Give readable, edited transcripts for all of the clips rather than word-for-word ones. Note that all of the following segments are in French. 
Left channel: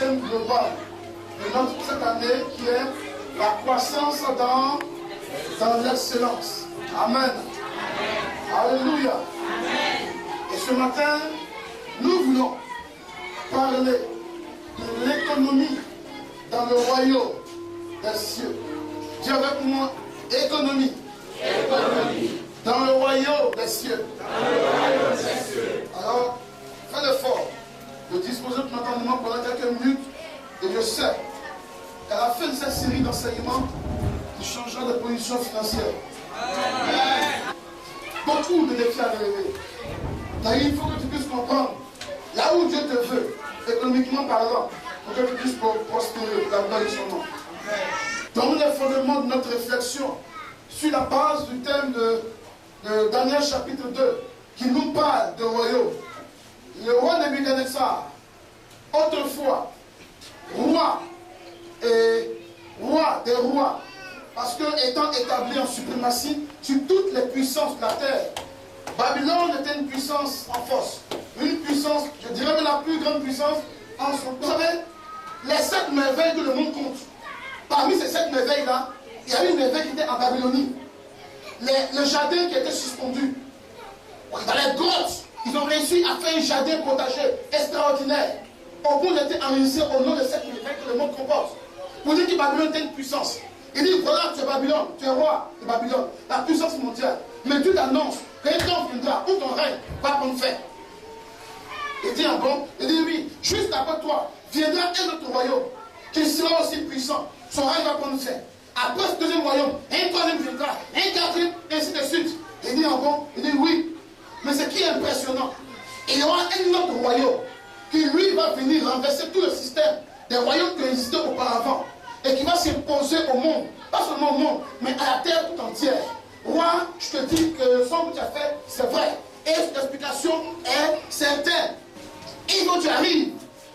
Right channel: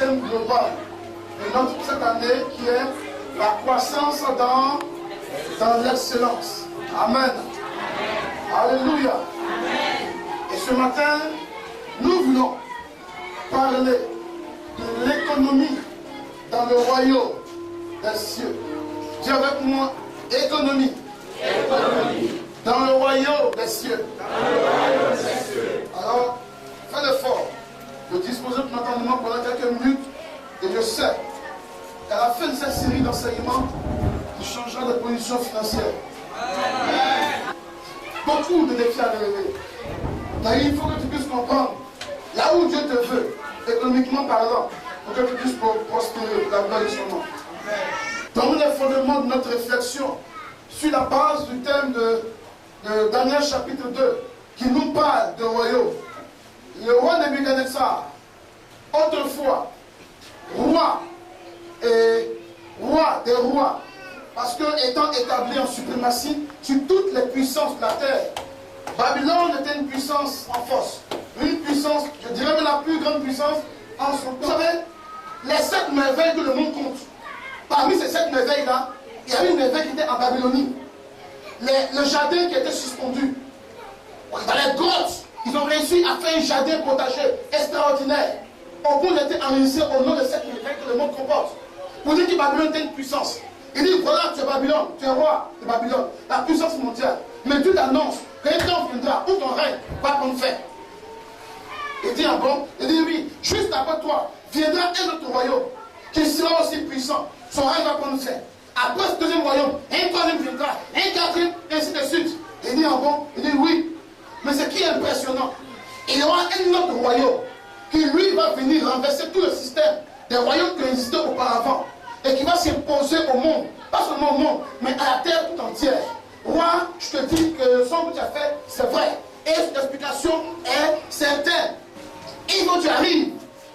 thème global de notre cette année qui est la croissance dans l'excellence. Amen. Alléluia. Et ce matin, nous voulons parler de l'économie dans le royaume des cieux. Dis avec moi, économie. Économie. Dans le royaume des cieux. Dans le royaume des cieux. Alors, fais l'effort de disposer de ton entendement pendant quelques minutes. Et je sais qu'à la fin de cette série d'enseignements, tu changeras de position financière. Amen. Beaucoup de défis à relever. Car il faut que tu puisses comprendre là où Dieu te veut, économiquement parlant, pour que tu puisses prospérer la gloire de son nom. Dans les fondements de notre réflexion, sur la base du thème de Daniel chapitre 2, qui nous parle de royaume. Le roi Nebuchadnezzar, autrefois, roi des rois, parce que étant établi en suprématie sur toutes les puissances de la terre, Babylone était une puissance en force, une puissance, je dirais même la plus grande puissance en son temps. Vous savez, les 7 merveilles que le monde compte, parmi ces 7 merveilles-là, il y avait une merveille qui était en Babylonie. Le jardin qui était suspendu. Dans les grottes, ils ont réussi à faire un jardin potager extraordinaire. Au bout, il était enregistré au nom de cette merveille que le monde comporte. Pour dire que Babylone était une puissance. Il dit, voilà, tu es Babylone, tu es roi de Babylone, la puissance mondiale. Mais Dieu t'annonce qu'un temps viendra où ton règne va prendre fin. Il dit, ah bon? Il dit, oui, juste après toi, viendra un autre royaume qui sera aussi puissant. Son règne va prendre fin. Après ce deuxième royaume, un troisième viendra, un quatrième, et ainsi de suite. Il dit, ah bon? Il dit, oui. Mais ce qui est impressionnant, il y aura un autre royaume qui, lui, va venir renverser tout le système des royaumes qui existaient auparavant et qui va s'imposer au monde, pas seulement au monde, mais à la terre tout entière. Roi, je te dis que le son que tu as fait, c'est vrai. Et l'explication est certaine. Il faut que tu arrives,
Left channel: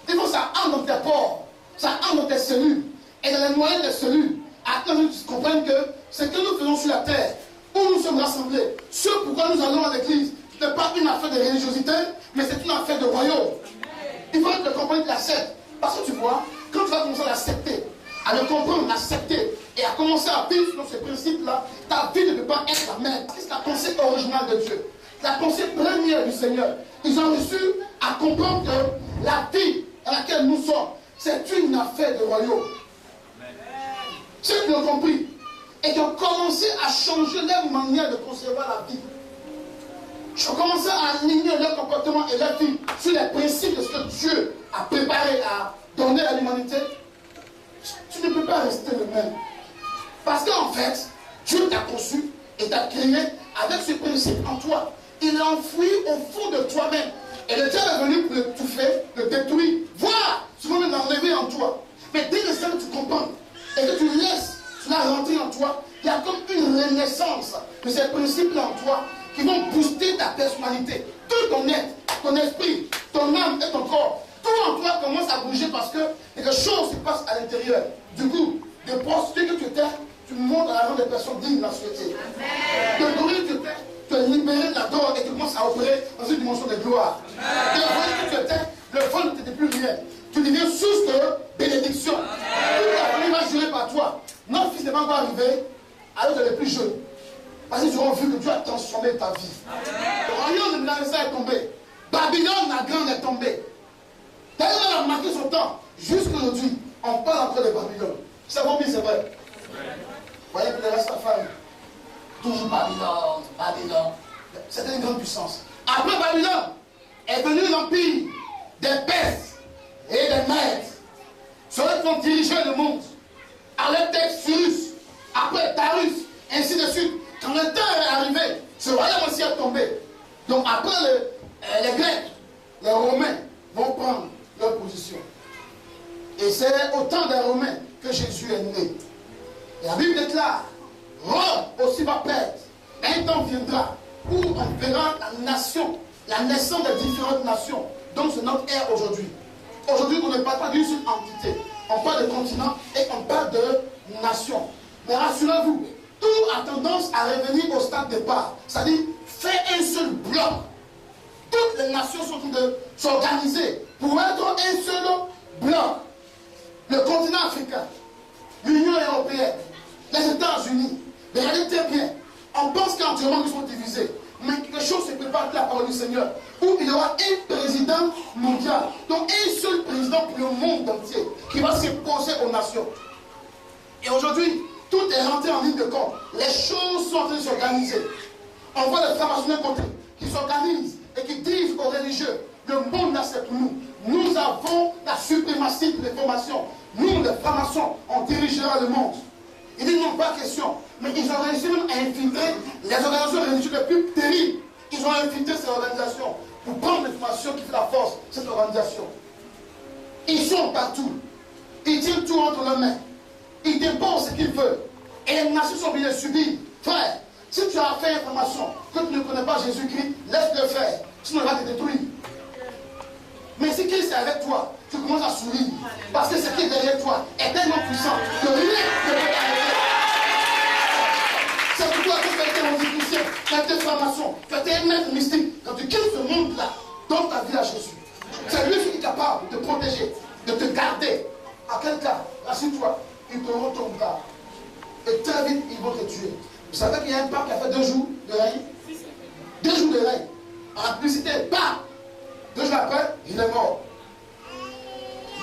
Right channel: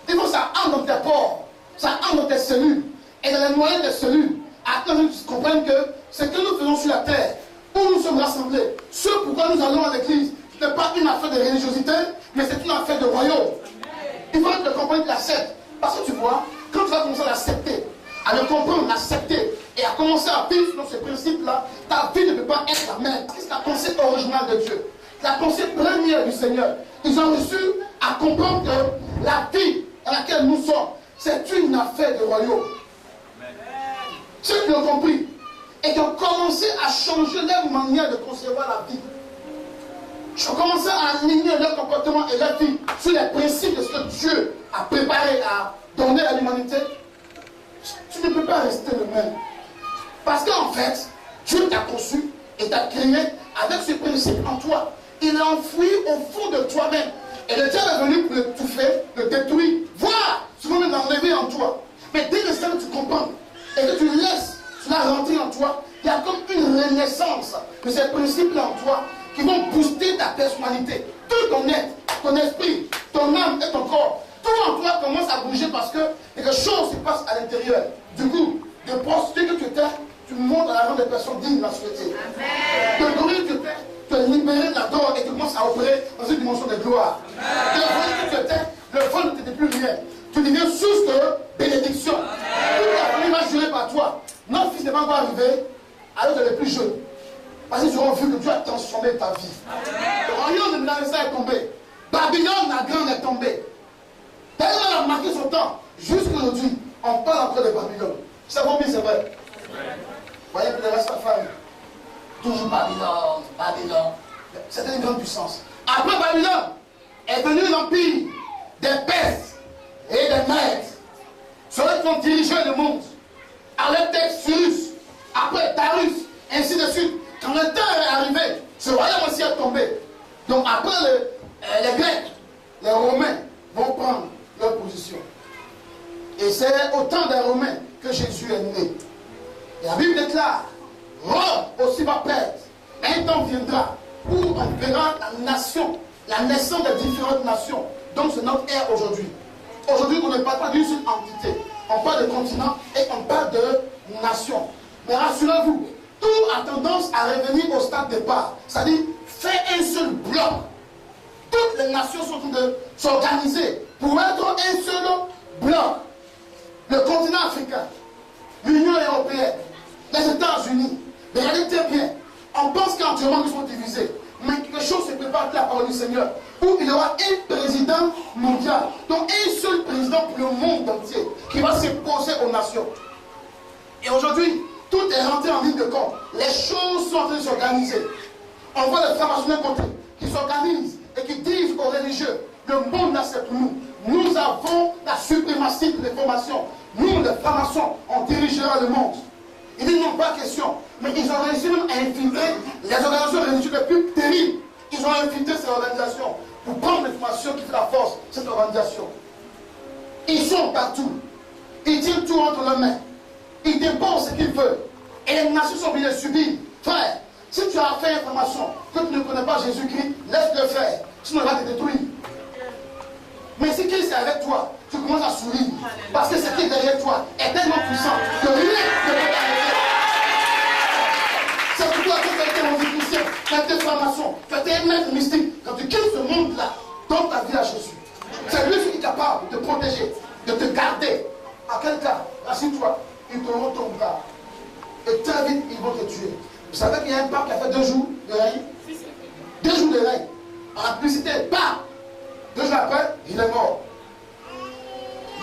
il faut que ça entre dans tes pores, ça entre dans tes cellules, et dans les moyens des cellules, afin que tu comprennes que ce que nous faisons sur la terre, où nous sommes rassemblés, ce pourquoi nous allons à l'église, ce n'est pas une affaire de religiosité, mais c'est une affaire de royaume. Il faut que tu comprennes l'acceptes. Parce que tu vois, quand tu vas commencer à l'accepter, à le comprendre, l'accepter, et à commencer à vivre selon ce principe-là, ta vie ne peut pas être la même. C'est la pensée originale de Dieu. La pensée première du Seigneur. Ils ont reçu à comprendre que la vie dans laquelle nous sommes, c'est une affaire de royaume. Ceux qui l'ont compris et qui ont commencé à changer leur manière de concevoir la vie. Ils ont commencé à aligner leur comportement et leur vie sur les principes de ce que Dieu a préparé à donner à l'humanité. Tu ne peux pas rester le même. Parce qu'en fait, Dieu t'a conçu et t'a créé avec ce principe en toi. Il l'a enfoui au fond de toi-même. Et le diable est venu pour le touffer, le détruire, voire souvent même l'enlever en toi. Mais dès l'instant que tu comprends et que tu laisses cela rentrer en toi, il y a comme une renaissance de ces principes-là en toi qui vont booster ta personnalité. Tout ton être, ton esprit, ton âme et ton corps, tout en toi commence à bouger parce que quelque chose se passe à l'intérieur. Du coup, de prostituée que tu étais, tu montes à la rang des personnes dignes de la société. De dormir que tu étais, tu es libéré de la drogue et tu commences à opérer dans une dimension de gloire. De vol que tu étais, le vol ne t'était plus rien. Tu deviens source de bénédiction. Toute la famille va jurer par toi. Notre fils n'est pas encore arrivé, alors tu es le plus jeune. Parce qu'ils auront vu que Dieu a transformé ta vie. Le royaume de Nebuchadnezzar est tombé. Babylone la grande est tombée. Tellement elle a marqué son temps. Jusqu'aujourd'hui, on parle encore de Babylone. C'est bon, c'est vrai. Vous voyez que le reste de la famille. Toujours Babylone, Babylone. C'était une grande puissance. Après Babylone est venu l'empire des Perses et des Mèdes. Ceux qui ont dirigé le monde. Artaxerxès, après Darius, ainsi de suite. Quand le temps est arrivé, ce royaume aussi est tombé. Donc après les Grecs, les Romains vont prendre leur position. Et c'est au temps des Romains que Jésus est né. Et la Bible déclare, Rome aussi va perdre. Un temps viendra où on verra la nation, la naissance des différentes nations. Donc c'est notre ère aujourd'hui. Aujourd'hui, on ne parle pas d'une seule entité. On parle de continent et on parle de nation. Mais rassurez-vous, tout a tendance à revenir au stade de départ. C'est-à-dire, faire un seul bloc. Toutes les nations sont en train de s'organiser pour être un seul bloc. africains, l'Union européenne, les États-Unis, regardez très bien, on pense qu'entièrement ils sont divisés. Mais quelque chose se prépare de la parole du Seigneur, où il y aura un président mondial, donc un seul président pour le monde entier, qui va s'imposer aux nations. Et aujourd'hui, tout est rentré en ligne de compte. Les choses sont en train de s'organiser. On voit les francs-maçons d'un côté qui s'organisent et qui disent aux religieux, le monde n'accepte nous. Nous avons la suprématie de l'information. Nous, les francs-maçons, on dirigera le monde. Ils disent non, pas question. Mais ils ont réussi même à infiltrer les organisations religieuses les plus terribles. Ils ont infiltré ces organisations pour prendre l'information qui fait la force de cette organisation. Ils sont partout. Ils tiennent tout entre leurs mains. Ils déposent ce qu'ils veulent. Et les nations sont obligées de subir. Frère, si tu as fait information que tu ne connais pas Jésus-Christ, laisse-le faire. Sinon il va te détruire. Mais si Christ est avec toi, tu commences à sourire. Parce que ce qui est derrière toi est tellement puissant que rien ne peut t'arrêter. C'est pourquoi quand tu as été antichrétien, tu as été franc-maçon, tu as été un maître mystique, quand tu quittes ce monde-là, donne ta vie à Jésus. C'est lui qui est capable de te protéger, de te garder. À quel cas, assieds-toi, ils te retournent pas. Et très vite, ils vont te tuer. Vous savez qu'il y a un pape qui a fait 2 jours de règne? 2 jours de règne. En publicité, bam! 2 jours après, il est mort.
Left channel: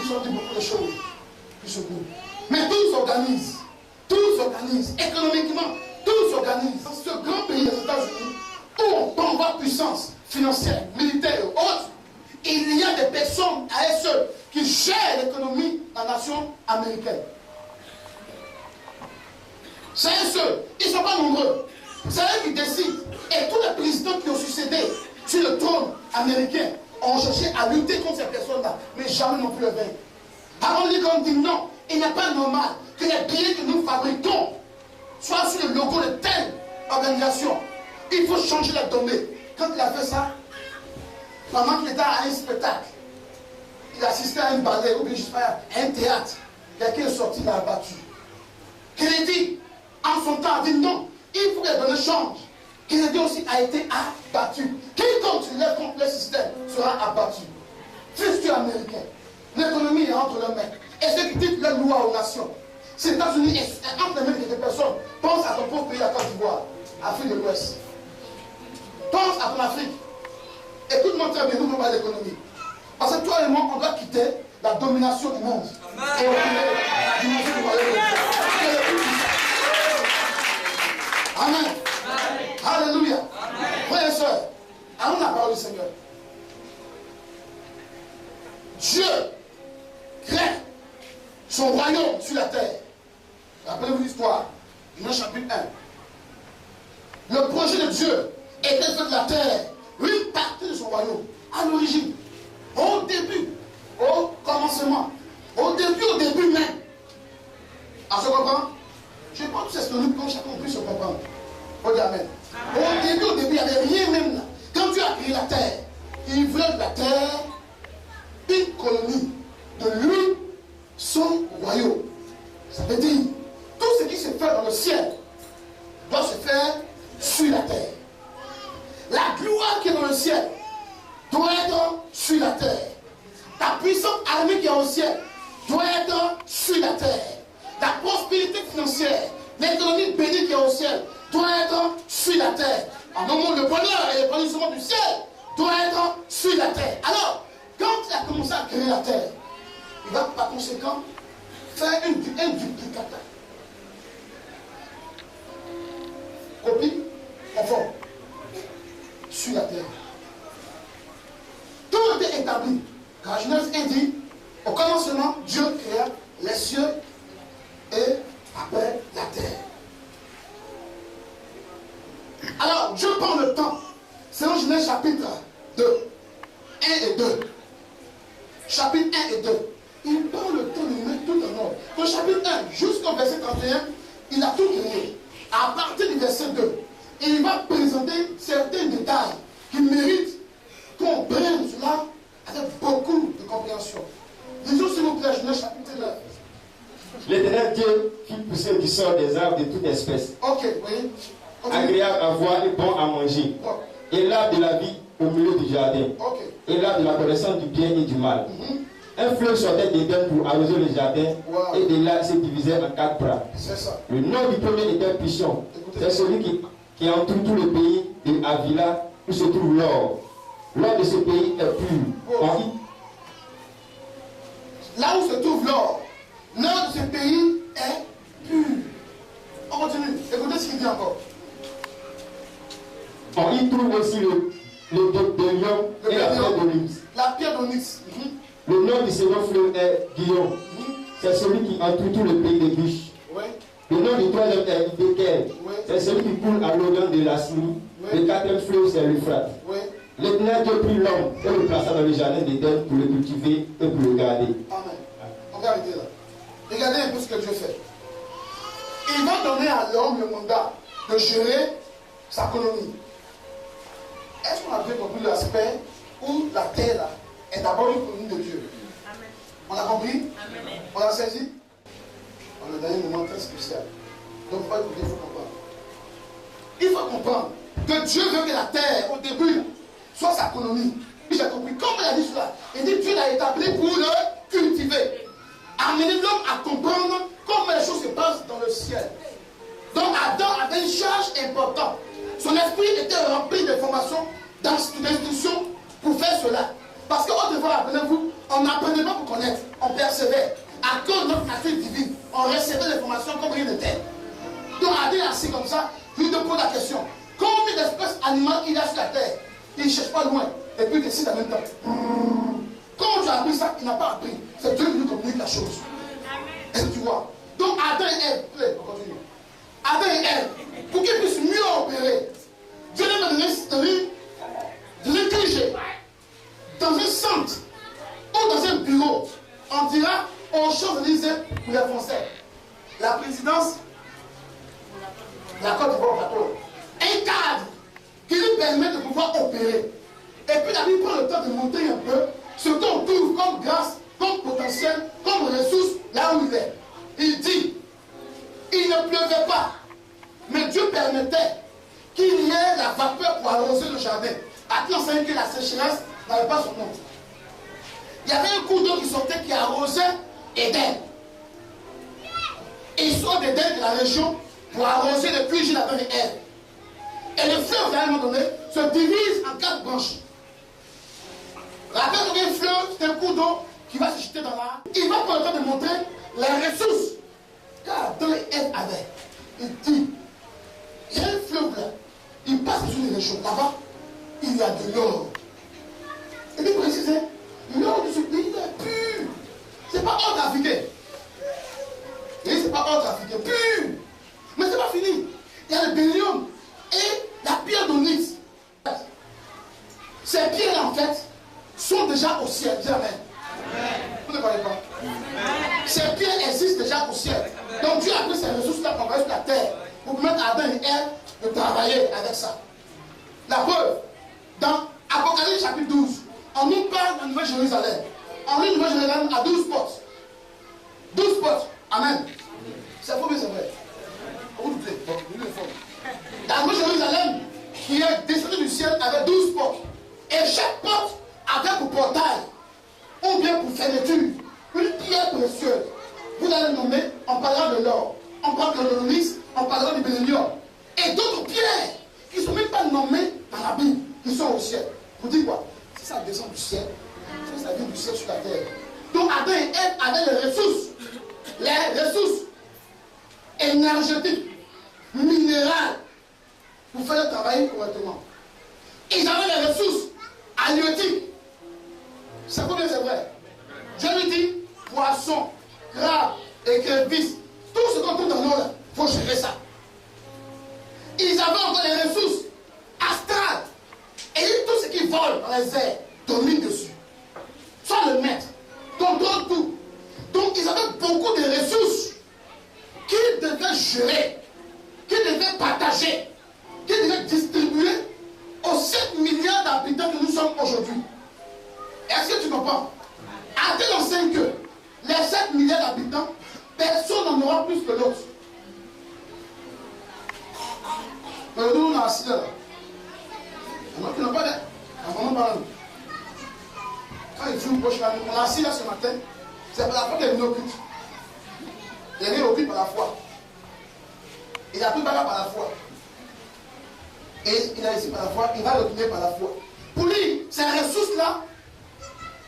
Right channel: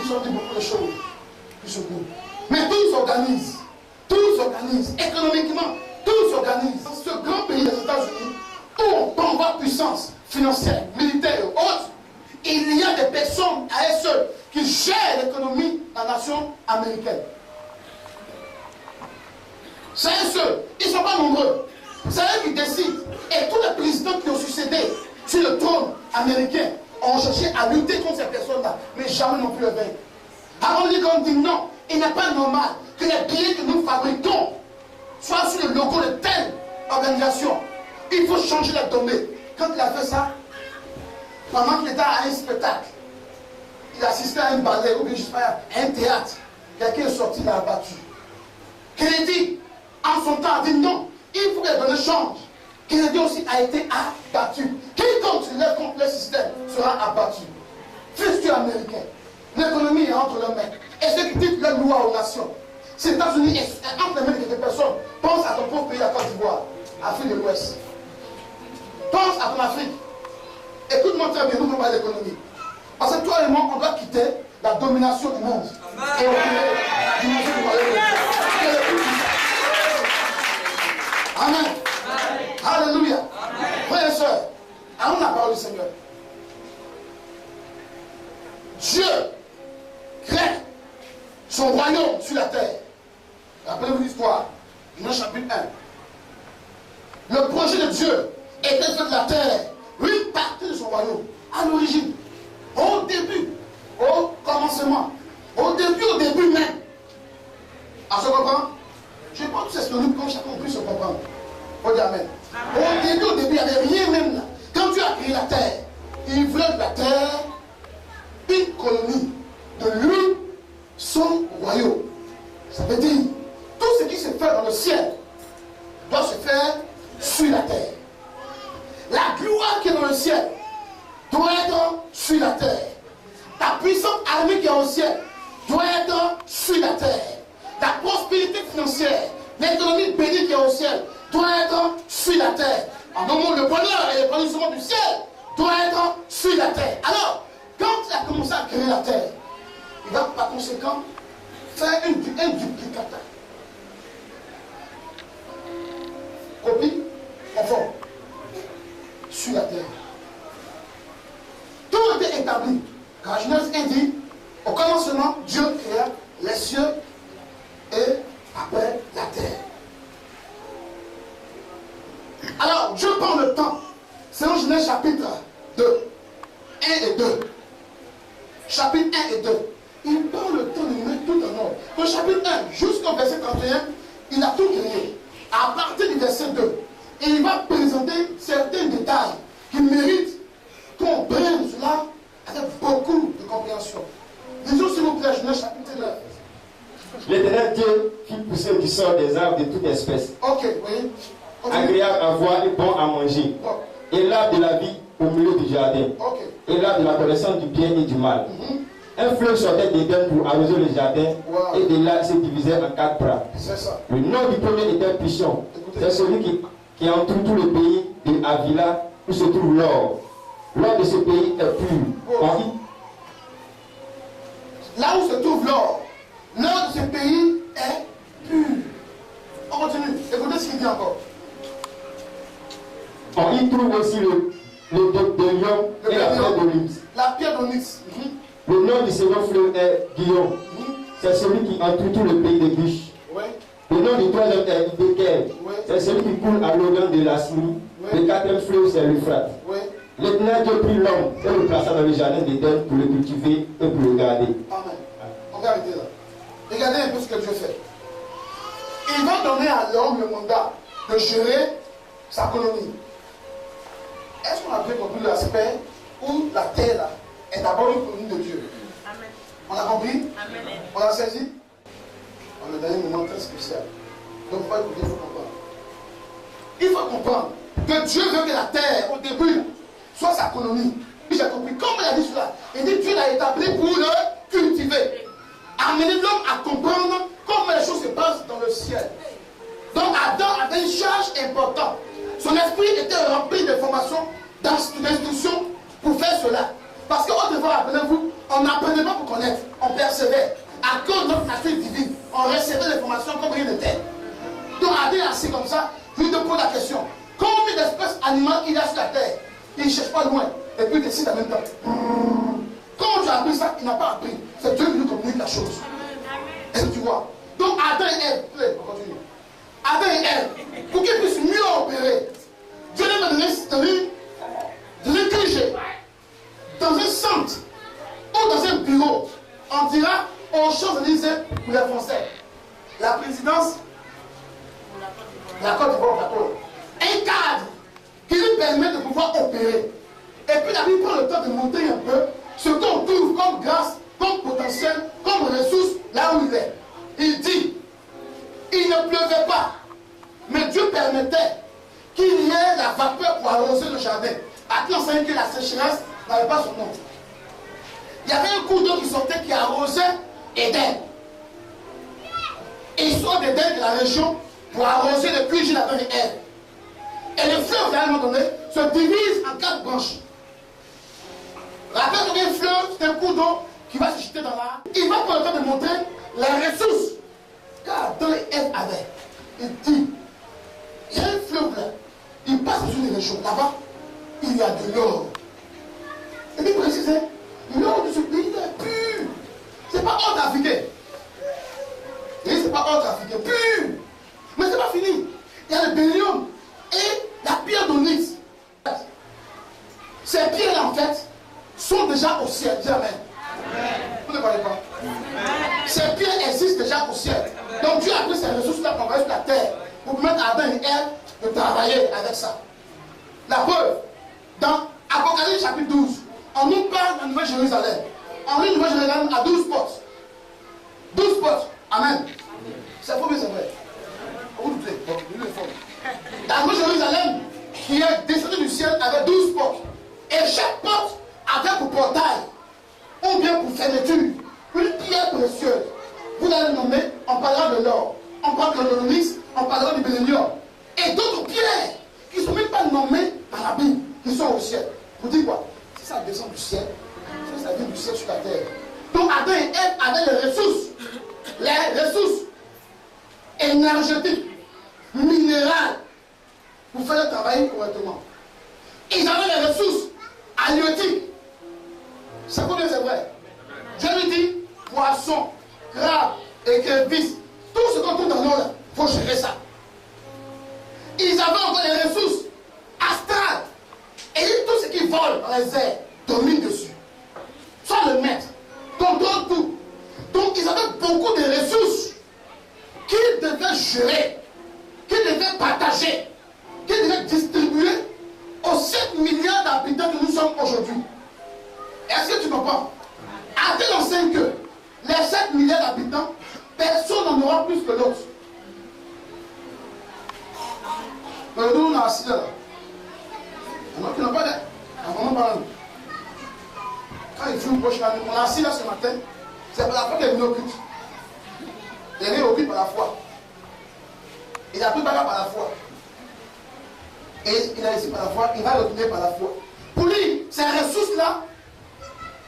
Ils ont dit beaucoup de choses. Mais tout s'organise. Tout s'organise. Économiquement, tout s'organise. Dans ce grand pays des États-Unis, où on tombe en puissance financière, militaire et autres, il y a des personnes à elles seules qui gèrent l'économie de la nation américaine. C'est eux seuls. Ils ne sont pas nombreux. C'est eux qui décident. Et tous les présidents qui ont succédé sur le trône américain ont cherché à lutter contre ces personnes-là, mais jamais non plus le vaincre. Alors on dit non, il n'est pas normal que les billets que nous fabriquons soient sur le logo de telle organisation. Il faut changer la donnée. Quand il a fait ça, pendant qu'il était à un spectacle, il assistait à un ballet, ou bien je sais pas, à un théâtre, quelqu'un est sorti, il l'a abattu. Kennedy, en son temps, a dit non, il faut que les données changent. Kennedy aussi a été abattu. Quiconque se lève contre le système sera abattu. Fils américain, l'économie est entre leurs mains. Et ceux qui dictent les lois aux nations. Si les États-Unis est entre les mains de quelques personnes, pense à ton pauvre pays, à Côte d'Ivoire, Afrique de l'Ouest. Pense à ton Afrique. Écoute-moi très bien, nous ne parlons pas d'économie. Parce que toi et moi, on doit quitter la domination du monde. Et on quitter la dimension du royaume. Amen. Alléluia. Frères et sœurs, allons la parole du Seigneur. Dieu crée son royaume sur la terre. Rappelez-vous l'histoire. Genèse chapitre 1. Le projet de Dieu était de faire de la terre une partie de son royaume. À l'origine, au début, au commencement, au début même. À se comprendre? Je pense que c'est ce que nous, comme chacun puisse se comprendre. Au dire Amen. Au début, il n'y avait rien même là. Quand Dieu a créé la terre, il voulait de la terre une colonie, de lui, son royaume. Ça veut dire, tout ce qui se fait dans le ciel doit se faire sur la terre. La gloire qui est dans le ciel doit être sur la terre. Ta puissante armée qui est au ciel doit être sur la terre. Ta prospérité financière, l'économie bénie qui est au ciel doit être sur la terre. En un mot, le bonheur et le bénissement du ciel doit être sur la terre. Alors, quand il a commencé à créer la terre, il va par conséquent faire un duplicata. Copie, conforme, sur la terre. Tout était établi. Car Genèse dit, au commencement, Dieu créa les cieux et après la terre. Alors, Dieu prend le temps, selon Genèse chapitre 2, 1 et 2. Chapitre 1 et 2. Il prend le temps de mettre tout en ordre. Au chapitre 1, jusqu'au verset 31, il a tout créé. À partir du verset 2, il va présenter certains détails qui méritent qu'on prenne cela avec beaucoup de compréhension. Disons s'il vous plaît, Genèse chapitre 9. L'Éternel Dieu fit pousser du sort des arbres de toute espèce. Ok, oui. Agréable à voir et bon à manger. Et l'arbre de la vie au milieu du jardin. Ok. Et l'arbre de la connaissance du bien et du mal. Un fleuve sortait d'Éden pour arroser le jardin, Wow. et de là il se divisait en 4 bras. C'est ça. Le nom du premier était Pishon. Écoutez. C'est celui qui entoure tout le pays de Avila où se trouve l'or. L'or de ce pays est pur. Oh. On- Là où se trouve l'or, l'or de ce pays est pur. On continue. Écoutez ce qu'il dit encore. On y trouve aussi le lion et la pierre d'Onyx. La pierre d'onyx. Le nom du second fleuve est Guillaume. C'est celui qui entoure tout le pays de Gush. Oui. Le nom du troisième est Beker. Oui. C'est celui qui coule à l'orient de la Syrie. Oui. Le quatrième fleuve, c'est l'Euphrate. Oui. L'Éternel Dieu prit l'homme et le plaça dans le jardin d'Éden pour le cultiver et pour le garder. Amen. On va arrêter là. Regardez un peu ce que Dieu fait. Il va donner à l'homme le mandat de gérer sa colonie. Est-ce qu'on a bien compris l'aspect où la terre là, est d'abord une colonie de Dieu? Amen. On a compris? Amen. On a saisi? On est dans un moment très spécial. Donc il faut écouter, il faut comprendre. Il faut comprendre que Dieu veut que la terre, au début, soit sa colonie. J'ai compris. Comme il a dit cela, il dit Dieu l'a établi pour le cultiver. Amener l'homme à comprendre comment les choses se passent dans le ciel. Donc Adam avait une charge importante. Son esprit était rempli d'informations, d'instructions pour faire cela. Parce qu'autrefois, rappelez-vous, on n'apprenait pas pour connaître, on persévère. À cause de notre nature divine, on recevait l'information comme rien n'était. Donc Adam est assis comme ça, je lui pose la question. Combien d'espèces animales il y a sur la terre? Il ne cherche pas loin, et puis il décide en même temps. Quand tu as appris ça, il n'a pas appris. C'est Dieu qui nous communique la chose. Est-ce que tu vois? Donc Adam et Ève, on continue. Adam et Ève, pour qu'ils puissent mieux opérer, Dieu les a donné de l'écriger dans un centre ou dans un bureau. On dira aux Champs-Élysées pour les Français. La présidence, la Côte d'Ivoire, un cadre qui lui permet de pouvoir opérer. Et puis la Bible prend le temps de montrer un peu ce qu'on trouve comme grâce, comme potentiel, comme ressource là où il est. Il dit, il ne pleuvait pas, mais Dieu permettait qu'il y ait la vapeur pour arroser le jardin. À qui on sait que la sécheresse n'avait pas son nom. Il y avait un cours d'eau qui sortait qui arrosait Éden. Et il sort d'Éden de la région pour arroser le puits d'Adam et Ève. Et le fleuve, à un moment donné, se divise en 4 branches. Rappelle qu'un fleuve, c'est un cours d'eau qui va se jeter dans la... Il va prendre le temps de montrer les ressources qu'Adam et Ève avaient. Il dit, il y a un fleuve là, il passe sur une région. Là-bas, il y a de l'or. Et il précisait, l'or de ce pays est pur. C'est pas or trafiqué. Oui, c'est pas or trafiqué, pur. Mais c'est pas fini. Il y a le bélium et la pierre d'onyx. Ces pierres-là, en fait, sont déjà au ciel. Dis amen. Vous ne parlez pas. Ces pierres existent déjà au ciel. Donc Dieu a pris ces ressources-là pour envoyer sur la terre pour permettre à Adam et Ève de travailler avec ça. La preuve, dans Apocalypse chapitre 12, on nous parle de la Nouvelle Jérusalem. On lit Nouvelle Jérusalem à 12 portes. 12 portes. Amen. C'est faux, mais c'est vrai. Vous doutez. Bon, la Nouvelle Jérusalem qui est descendue du ciel avait 12 portes. Et chaque porte avait pour portail, ou bien pour fermeture, une pierre précieuse. Vous allez le nommer, on parlera de l'or, on parlera de l'onyx, on parlera du bélénium. Et d'autres pierres qui ne sont même pas nommées dans la Bible, qui sont au ciel. Vous dites quoi? Si ça descend du ciel, si ça vient du ciel sur la terre. Donc Adam et Ève avaient les ressources énergétiques, minérales, pour faire le travail correctement. Ils avaient les ressources halieutiques. C'est combien c'est vrai? Dieu lui dit, poisson, crabe, écrevisse, tout ce qu'on trouve dans l'eau, il faut gérer ça. Ils avaient encore les ressources astrales. Et tout ce qui vole dans les airs domine dessus. Soit le maître, contrôle tout. Donc ils avaient beaucoup de ressources qu'ils devaient gérer, qu'ils devaient partager, qu'ils devaient distribuer aux 7 milliards d'habitants que nous sommes aujourd'hui. Est-ce que tu comprends? Adam enseigne que les 7 milliards d'habitants, personne n'en aura plus que l'autre. Mais nous, on a assis là. Il y en a qui n'ont pas d'aide. Quand il joue proche, on l'a assis là ce matin. C'est pas la foi qu'il est venu au culte. Il est venu au culte par la foi. Il a pris bagarre par la foi. Et il a ici par la foi, il va retourner par la foi. Pour lui, ces ressources-là,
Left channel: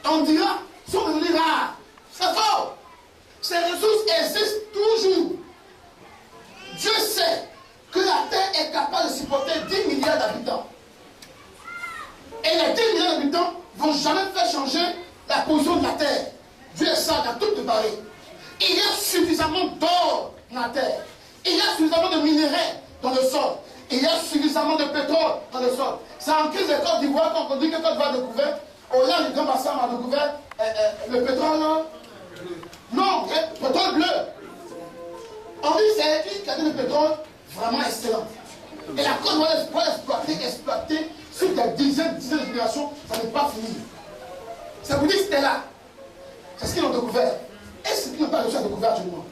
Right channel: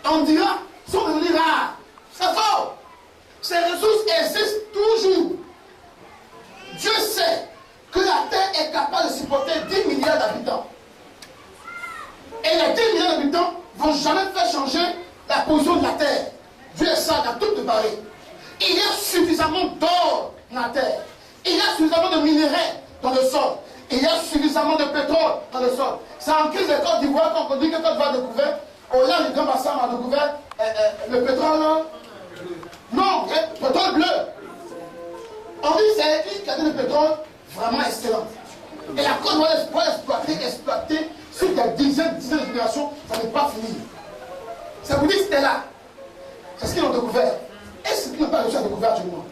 on dira, sont devenues rares. C'est faux. Ces ressources existent toujours. Dieu sait que la terre est capable de supporter 10 milliards d'habitants. Et les 10 milliards d'habitants ne vont jamais faire changer la position de la terre. Dieu est ça, il a tout préparé. Il y a suffisamment d'or dans la terre. Il y a suffisamment de minerais dans le sol. Il y a suffisamment de pétrole dans le sol. C'est en crise de Côte d'Ivoire quand on dit que Côte d'Ivoire a découvert, au large du Grand Bassin a découvert le pétrole. Non, le pétrole bleu. On dit que c'est une qualité de pétrole vraiment excellente. Et la Côte va exploiter sur des dizaines de générations, ça n'est pas fini. Ça vous dit que c'était là. C'est ce qu'ils ont découvert. Et ce qu'ils n'ont pas réussi à découvrir actuellement.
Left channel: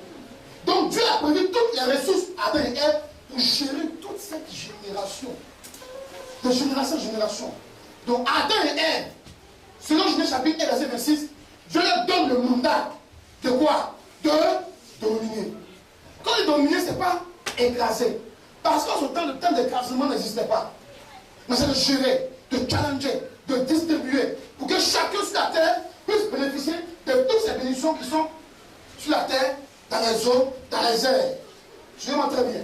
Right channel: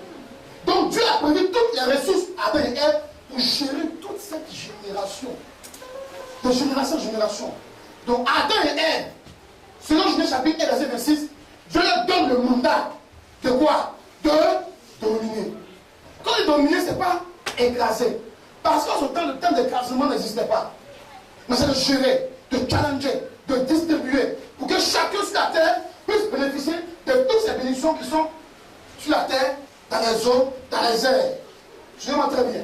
Donc Dieu a prévu toutes les ressources à Adam et Ève pour gérer toute cette génération. De génération en génération. Donc Adam et Ève, selon Genèse chapitre 1, verset 26, Dieu leur donne le mandat de quoi? De dominer. Quand il dominer, ce n'est pas écraser. Parce qu'en ce temps, le terme d'écrasement n'existait pas. Mais c'est de gérer, de challenger, de distribuer, pour que chacun sur la terre puisse bénéficier de toutes ces bénédictions qui sont sur la terre, dans les eaux, dans les airs. Je me très bien.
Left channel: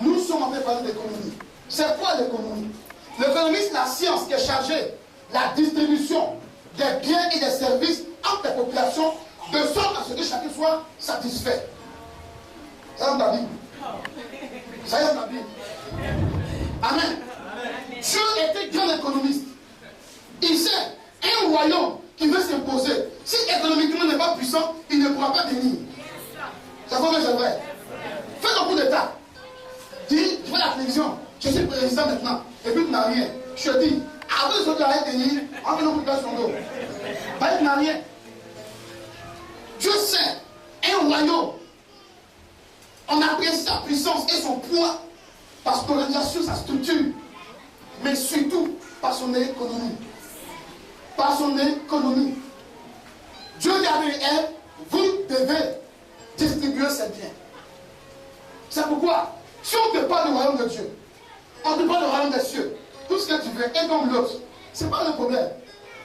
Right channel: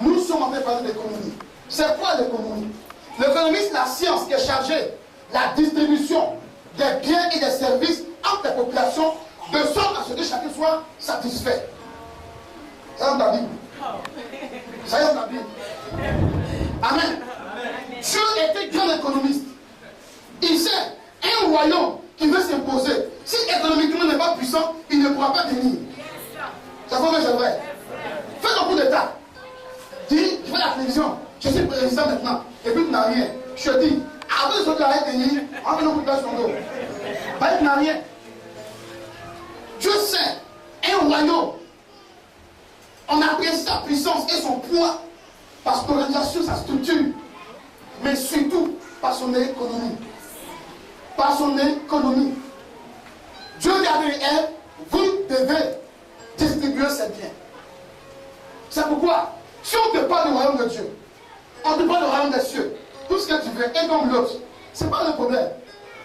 Nous sommes en train de parler d'économie. C'est quoi l'économie? L'économie, c'est la science qui est chargée de la distribution des biens et des services entre les populations, de sorte à ce que chacun soit satisfait. Ça dans la Bible. Ça dans la Bible. Amen. Dieu était grand économiste. Il sait, un royaume qui veut s'imposer, si économiquement n'est pas puissant, il ne pourra pas tenir. Ça vaut que c'est vrai. Faites un coup d'état. Dis, je fais la télévision, je suis président maintenant, et puis tu n'as rien. Je te dis, avant de sortir la tenir, on va nous couper son dos. Bah, tu n'as rien. Dieu sait, un royaume, on apprécie sa puissance et son poids par son organisation, sa structure, mais surtout par son économie. Par son économie. Dieu dit à Ève, vous devez distribuer ces biens. C'est pourquoi, si on te parle du royaume de Dieu, on te parle du royaume des cieux, tout ce que tu veux est comme l'autre, ce n'est pas le problème.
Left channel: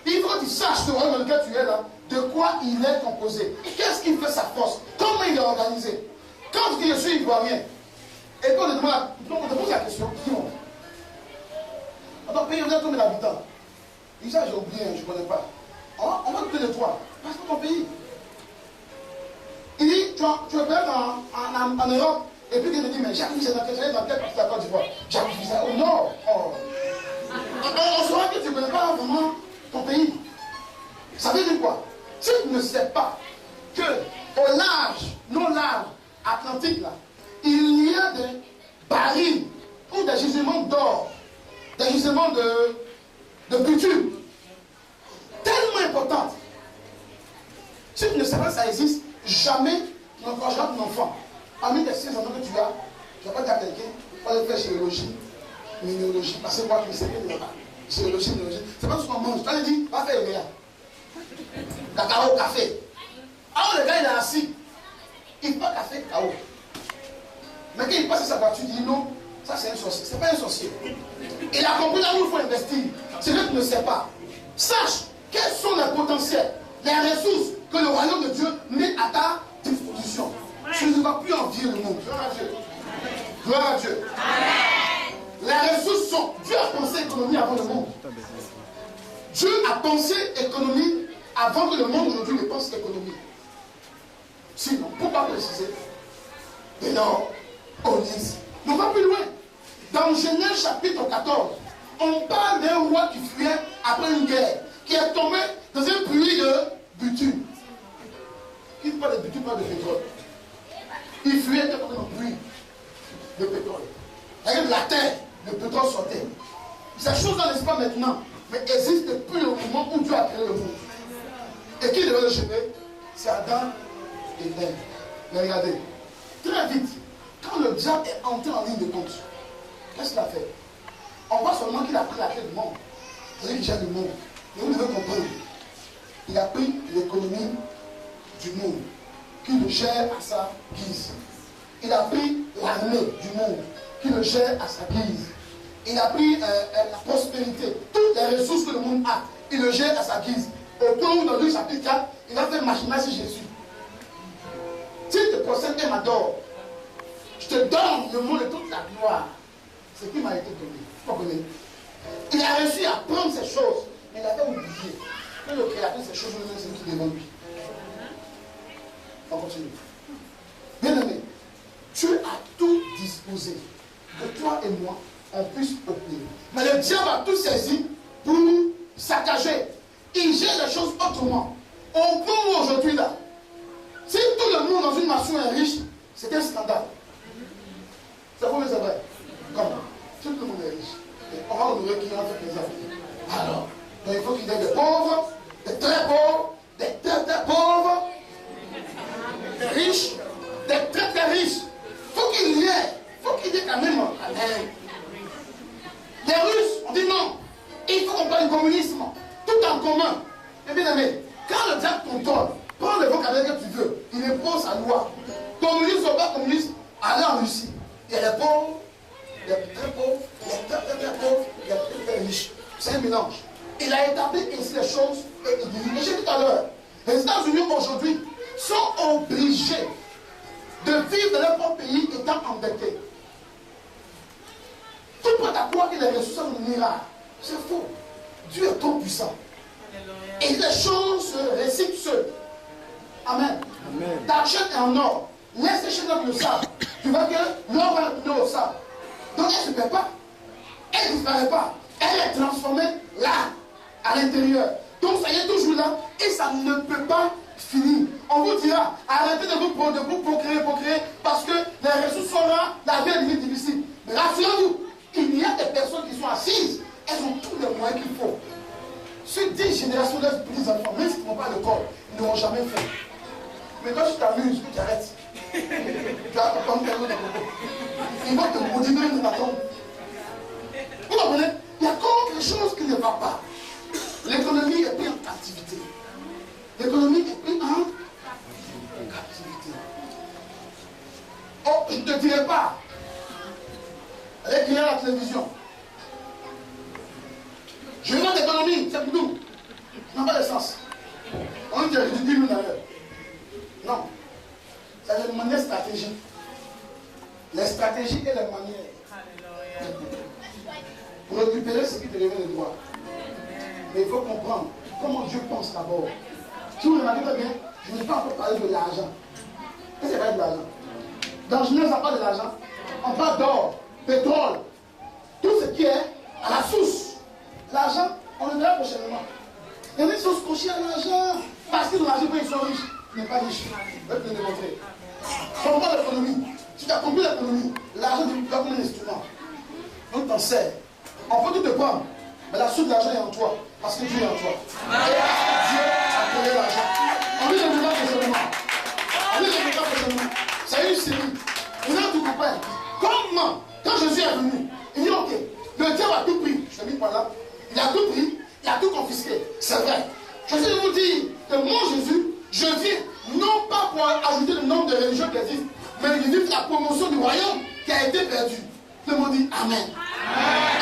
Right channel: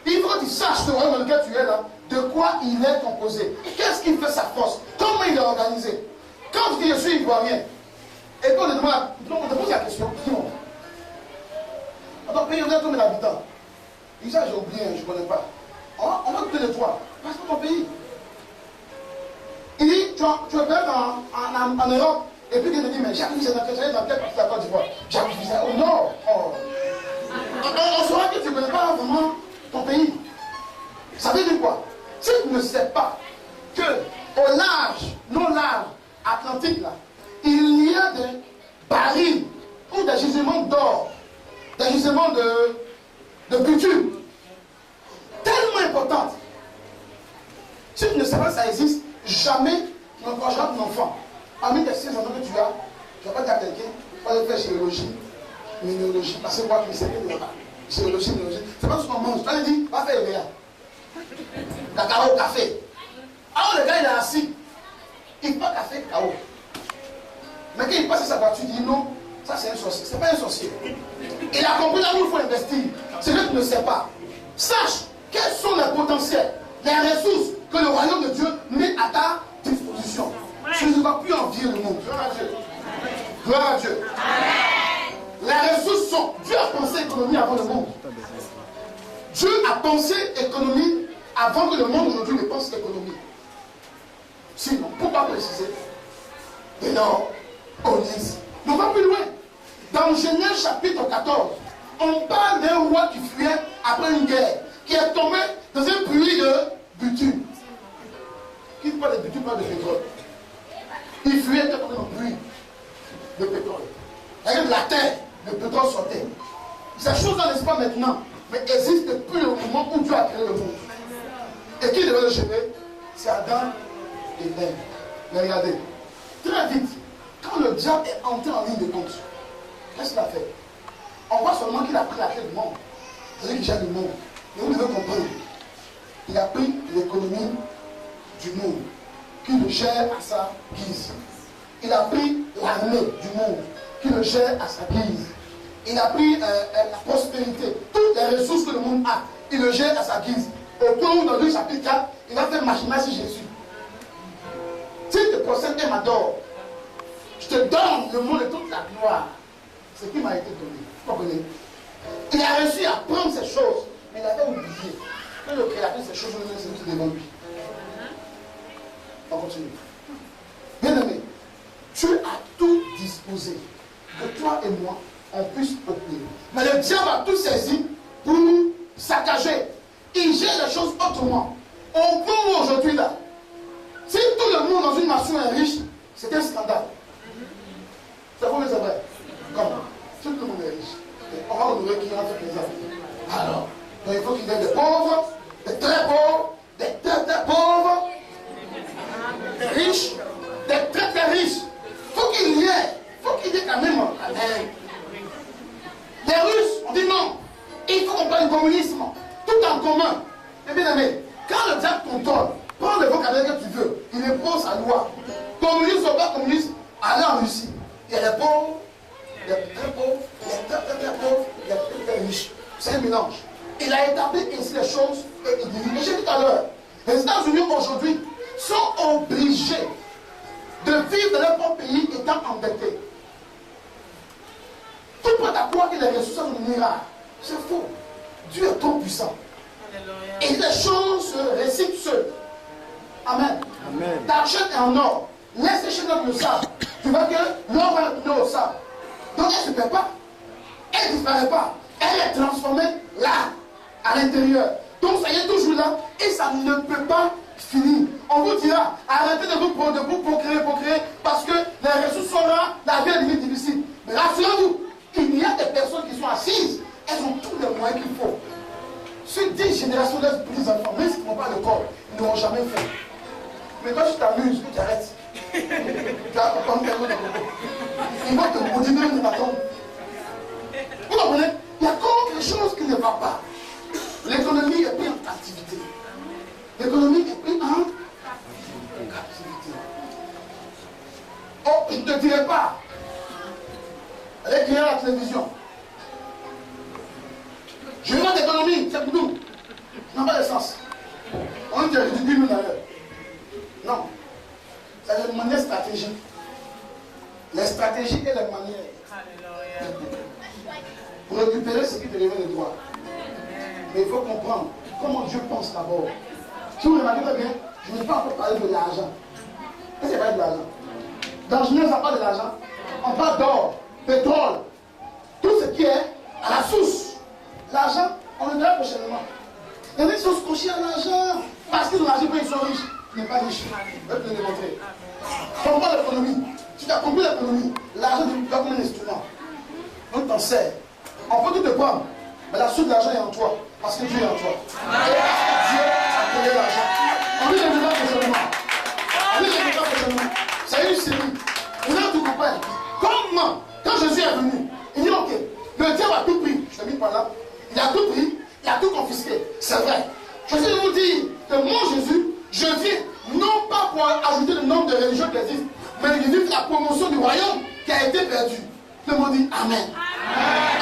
Il faut que tu saches le royaume dans lequel tu es là, de quoi il est composé. Qu'est-ce qui fait sa force? Comment il est organisé? Quand tu dis je suis ivoirien, et puis on te pose la question, dis-moi. Dans ton pays, on a combien d'habitants? Il dit ça, j'ai oublié, je ne connais pas. On va douter de toi. Parce que ton pays. Il dit, tu es peut-être en Europe, et puis il te dit, mais j'arrive dans quelle partie de la Côte d'Ivoire? J'arrive au nord. Oh. On saura que tu ne connais pas vraiment ton pays. Ça veut dire quoi? Si tu ne sais pas que au large, non large, Atlantique, là, il y a des barils ou des gisements d'or, des gisements de bitume, tellement importants. Si tu ne sais pas que ça existe, jamais tu n'encourageras ton enfant. Parmi les 6 enfants que tu as, tu ne vas pas dire à quelqu'un, va aller faire chirurgie, minéralogie, parce que moi, tu ne sais pas. Chirurgie, minéralogie, c'est pas tout ce qu'on mange. Tu vas lui dire, va faire rien. Cacao, café. Alors le gars, il est assis. Il ne fait pas café, cacao. Mais quand il passe sa voiture, il dit non, ça c'est un sorcier. Ce n'est pas un sorcier. Il a compris là où il faut investir. C'est que tu ne sais pas. Sache quels sont les potentiels, les ressources que le royaume de Dieu met à ta disposition. Tu ne vas plus envier le monde. Gloire à Dieu. Gloire à Dieu. Amen. Les ressources sont. Dieu a pensé économie avant le monde. Dieu a pensé économie avant que le monde aujourd'hui ne pense économie. Sinon, pourquoi préciser? Et non, on dit. On va plus loin. Dans Genèse chapitre 14, on parle d'un roi qui fuyait après une guerre, qui est tombé dans un puits de bitume. Qui ne parle de bitume, pas de pétrole. Il fuyait dans un puits de pétrole. Avec la terre, le pétrole sortait. Ces choses-là n'est pas maintenant, mais existent depuis le moment où Dieu a créé le monde. Et qui devait le gérer? C'est Adam et Ève. Mais regardez, très vite, quand le diable est entré en ligne de compte, qu'est-ce qu'il a fait? On voit seulement qu'il a pris la clé du monde. C'est lui qui gère le monde. Et vous devez comprendre Il a pris l'économie du monde, qui le gère à sa guise. Il a pris l'armée du monde, qui le gère à sa guise. Il a pris la prospérité, toutes les ressources que le monde a, il le gère à sa guise. Au point où dans Luc chapitre 4, il va faire machinage sur Jésus. S'il te procède et m'adore, je te donne le monde et toute la gloire. Ce qui m'a été donné. Vous comprenez? Il a réussi à prendre ces choses, mais il avait oublié que le créateur de ces choses, c'est lui qui devant lui. On continue. Bien aimé, Dieu a tout disposé que toi et moi, on puisse obtenir. Mais le diable a tout saisi pour nous saccager. Il gère les choses autrement. Au point où aujourd'hui, là, si tout le monde dans une nation est riche, c'est un scandale. C'est vrai, c'est vrai. Comment? Tout le monde est riche. Et on va honorer qui a fait plaisir. Alors, donc il faut qu'il y ait des pauvres, des très pauvres, des très très pauvres, des riches, des très très riches. Faut qu'il y ait quand même. Les Russes ont dit non. Il faut qu'on parle du communisme. Tout en commun. Et bien aimé, quand le diable contrôle, prends le vocabulaire que tu veux, il impose sa loi. Communiste ou pas communiste, allez en Russie. Il y a les pauvres, il y a les très pauvres, il y a les très très pauvres, il y a les très très riches. C'est un mélange. Il a établi ainsi les choses et il dit. Et j'ai dit tout à l'heure, les États-Unis aujourd'hui sont obligés de vivre dans leur propre pays étant endettés. Tout prêt à croire que les ressources sont des miracles. C'est faux. Dieu est trop puissant. Et les choses se récitent seules. Amen. T'achètes en or. Laisse les chaînes le sable. Tu vois que l'or va retourner au sable. Donc elle ne se perd pas. Elle ne disparaît pas. Elle est transformée là, à l'intérieur. Donc ça y est toujours là. Et ça ne peut pas finir. On vous dira, arrêtez de vous procréer, parce que les ressources sont là, la vie est devenue difficile. Mais rassurez-vous, il y a des personnes qui sont assises. Elles ont tous les moyens qu'il faut. Sur 10 générations de petits enfants, même s'ils ne vont pas à l'école, ils n'auront jamais fait. Mais quand tu t'amuses, que tu arrêtes, tu vas comprendre quelque chose de beaucoup. Ils vont te maudire même de ta tombe. Vous comprenez? Il y a encore quelque chose qui ne va pas. L'économie est prise en captivité. L'économie est prise en captivité. Oh, je ne te dirai pas. Allez écrire à la télévision. Je veux l'économie, c'est pour nous. Ça n'a pas de sens. On dit réduit 10 000 à l'heure. Non. C'est une manière stratégique. Les stratégies et les manières. Pour récupérer ce qui te revient de droit. Mais il faut comprendre comment Dieu pense d'abord. Si vous remarquez très bien, je n'ai pas encore parlé de l'argent. Qu'est-ce que c'est pas de l'argent? Dans Genèse, on parle de l'argent. On parle d'or, pétrole, tout ce qui est à la source. L'argent, on le verra prochainement. Il y en a qui sont scotchés à l'argent. Parce qu'ils ont l'argent, ils sont riches. Tu n'es pas riche. Je vais te le démontrer. Comprends l'économie. Si tu as compris l'économie, l'argent doit comme un instrument. Donc t'en sers. On peut tout te prendre. Mais la source de l'argent est en toi. Parce que Dieu est en toi. Et parce que Dieu a créé l'argent. On lit le débat prochainement. On lit le débat prochainement. C'est une série. Vous allez tout comprendre. Comment, quand Jésus est venu, il dit ok, le diable a tout pris. Je te mis par là. Il a tout pris, il a tout confisqué. C'est vrai. Je vais vous dire que moi, Jésus, je viens non pas pour ajouter le nombre de religions qui existent, mais de vivre la promotion du royaume qui a été perdu. Tout le monde dit Amen.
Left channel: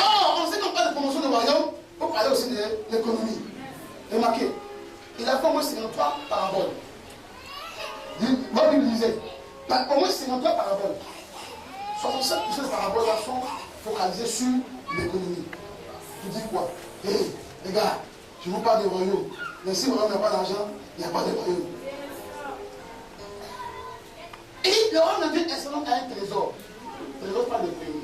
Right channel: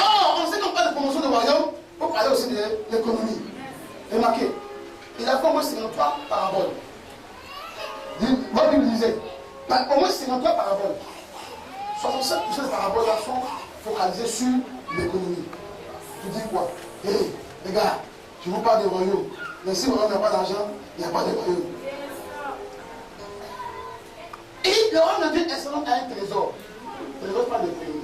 Or, on sait qu'on parle de promotion du royaume, il faut parler aussi de l'économie. Remarquez, il a fait au moins 53 paraboles. Votre Bible disait, au moins 53 paraboles. 67% des paraboles là sont focalisées sur l'économie. Tu dis quoi? Hé, les gars, je vous parle des royaumes. Mais si le royaume n'a pas d'argent, il n'y a pas de royaume. Et le royaume de Dieu est seulement un trésor. Le trésor parle d'économie.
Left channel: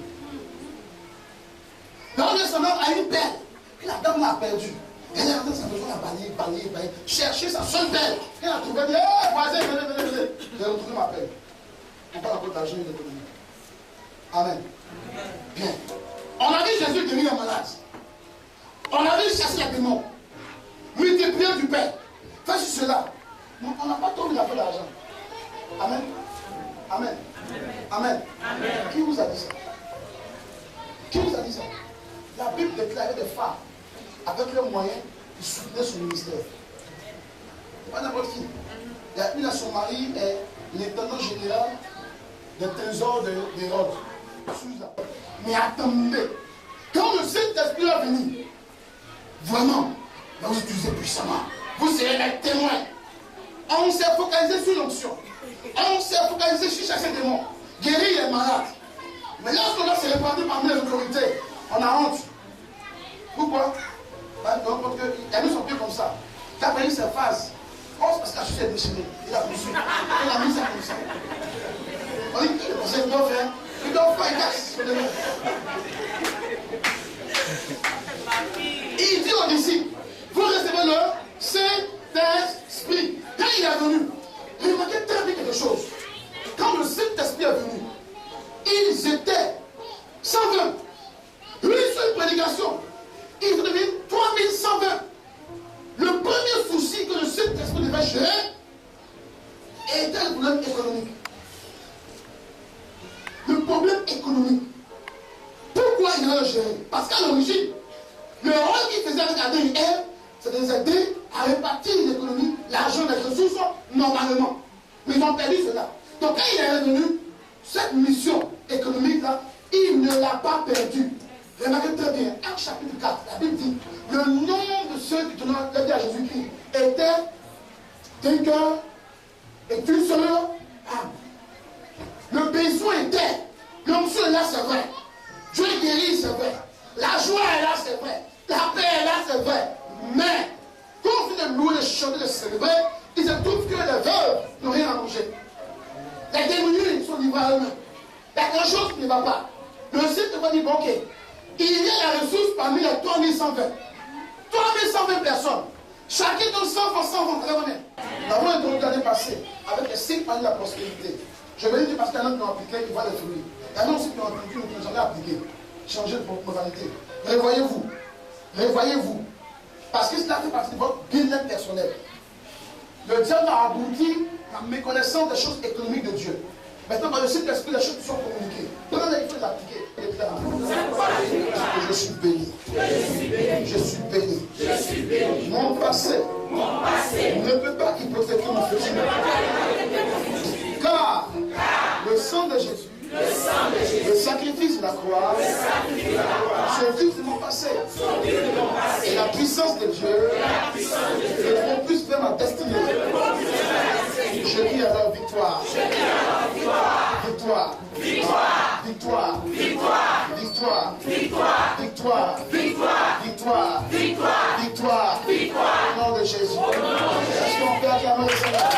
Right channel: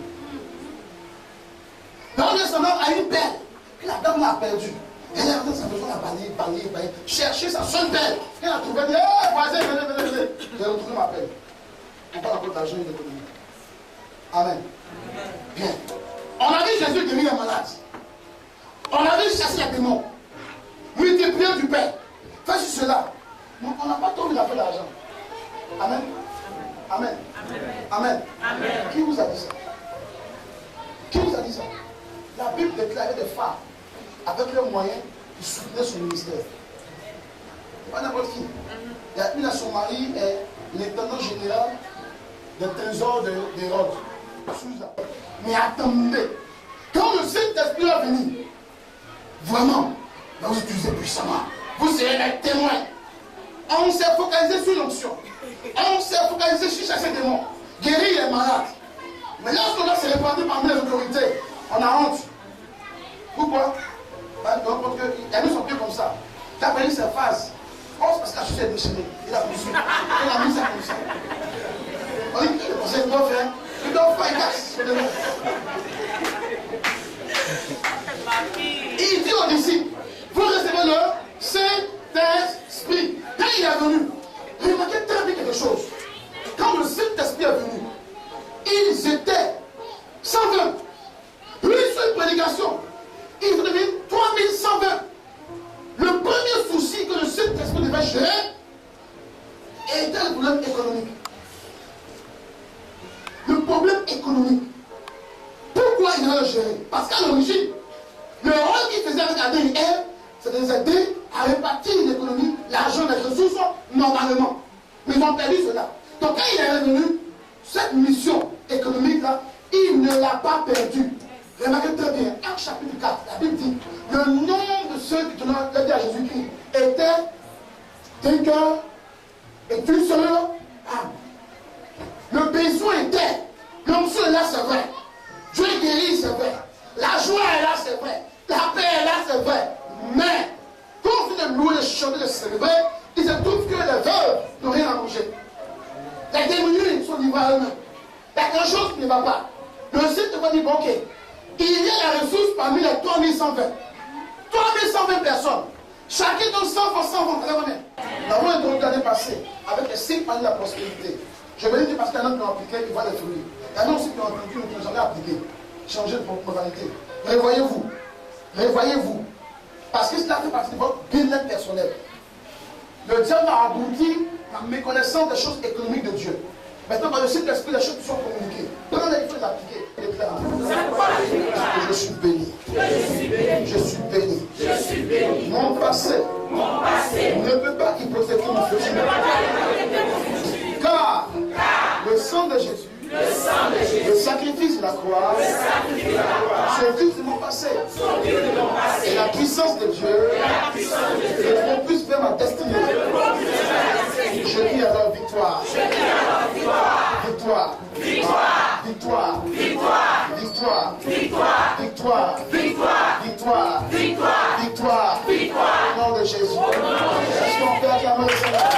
Le royaume est seulement à une perle que la dame a perdue. Elle a rentré sa maison à balayer. Chercher sa seule perle. Elle a trouvé, elle dit, hé, voisin, venez. J'ai retrouvé ma perle. On parle encore d'argent et d'économie. Amen. Bien. On a vu Jésus guérir les malades. On a vu chasser les démons. Multiplier du pain. Fais sur cela. Mais on n'a pas trop envie d'affaire d'argent. Amen. Amen. Amen. Amen. Qui vous a dit ça? Qui vous a dit ça? La Bible déclarait des femmes avec leurs moyens de soutenir son ministère. Pas n'importe qui. Il y a une à son mari est l'intendant général des trésors d'Hérode. Mais attendez, quand le Saint-Esprit va venir, vraiment, va vous utiliser puissamment. Vous serez les témoins. On s'est focalisé sur l'onction. On s'est focalisé sur chasser des démons. Guérir les malades. Mais lorsqu'on va se répandre parmi les autorités, on a honte. Pourquoi? Parce qu'il y a mis son pied comme ça. Il a pris sa phase. Oh, c'est parce que la chaussure est déchirée. Il a poussé. Il a mis ça comme ça. On dit, c'est qu'il doit faire. Il doit faire, il casse. Il dit aux disciples, vous recevez le Saint-Esprit. Quand il est venu, remarquez très bien quelque chose. Quand le Saint-Esprit est venu, ils étaient 120. Une seule prédication. Ils sont devenus 3120. Le premier souci que le Saint-Esprit devait gérer était le problème économique. Le problème économique. Pourquoi il devait le gérer? Parce qu'à l'origine, le rôle qu'il faisait avec Adam et Ève, c'est de les aider à répartir l'économie, l'argent, les ressources, normalement. Mais ils ont perdu cela. Donc quand il est revenu, cette mission économique-là, il ne l'a pas perdue. Remarquez très bien, Actes chapitre 4, la Bible dit, le nombre de ceux qui donnaient la vie à Jésus-Christ était d'un cœur et d'une seule âme. Le besoin était, l'onction est là, c'est vrai. Dieu guérit, c'est vrai. La joie est là, c'est vrai. La paix est là, c'est vrai. Mais, quand on finit de louer, de chanter, de célébrer, il se trouve que les veuves n'ont rien à manger. Les démunis sont livrés à eux-mêmes. Il y a quelque chose qui ne va pas. Le site va dire, bon, ok, il y a la ressource parmi les 3120. 3120 personnes. Chacun donne 100 francs, 100 francs. Nous avons introduit l'année passée avec les 5 années de la prospérité. Je vais dire parce qu'il y en a qui ont appliqué, ils voient les fruits. Il y en a aussi qui ont entendu, qui n'ont jamais appliqué. Changer de modalité. Revoyez-vous. Revoyez-vous. Parce que cela fait partie de votre business personnel. Le diable a abouti à méconnaissance des choses économiques de Dieu. Maintenant, par le Saint-Esprit, les choses sont communiquées. Prenez il faut les appliquer. Je suis béni. Je suis béni. Je suis béni. Mon passé ne peut pas hypothéquer mon futur. Car le sang de Jésus, le sacrifice de la croix, sauve mon passé. Et la puissance de Dieu ne vont plus faire ma destinée. Je dis alors victoire. Victoire. Victoire. Victoire. Victoire. Victoire. Victoire. Victoire. Victoire. Victoire. Victoire. Victoire. Au nom de Jésus. Est-ce qu'on peut acclamer le Seigneur?